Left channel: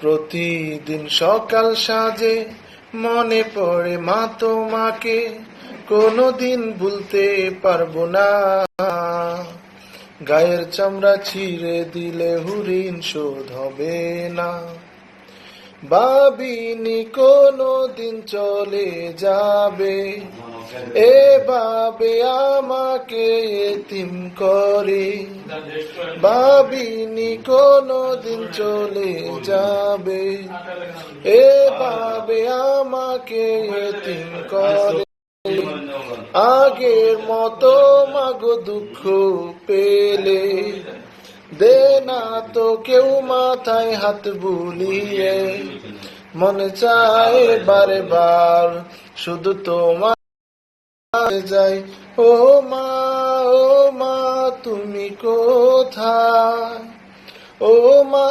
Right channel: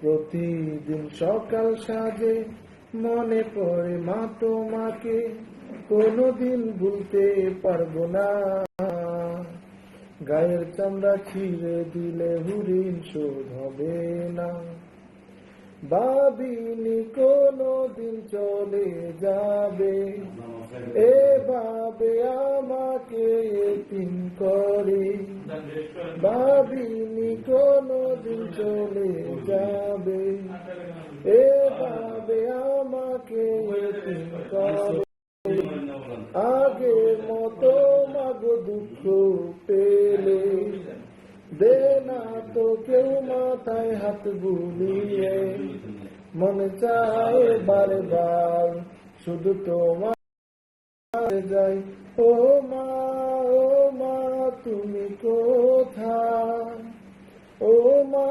প্রতিদিন সকাল সাজে মনে পড়ে মা তোমাকে, কোনোদিন ভুলতে পারবো না। গায়ের চামড়া ছিঁড়ে দিলে হরিণ শোধ হবে না। ভাবিনি কোনোদিন চলে যাবে, এভাবে আমাকে এতিম করে। ভাবিনি কোনোদিন চলে যাবে, এভাবে আমাকে এতিম করে। আগের মতো মাগো দুঃখ পেলে দে না তো কেউ মাথায় হাত বুলিয়ে। মনে চায় বারে বার শুধু তোমার যাই। ও মা তুমি কোথায়? ও মা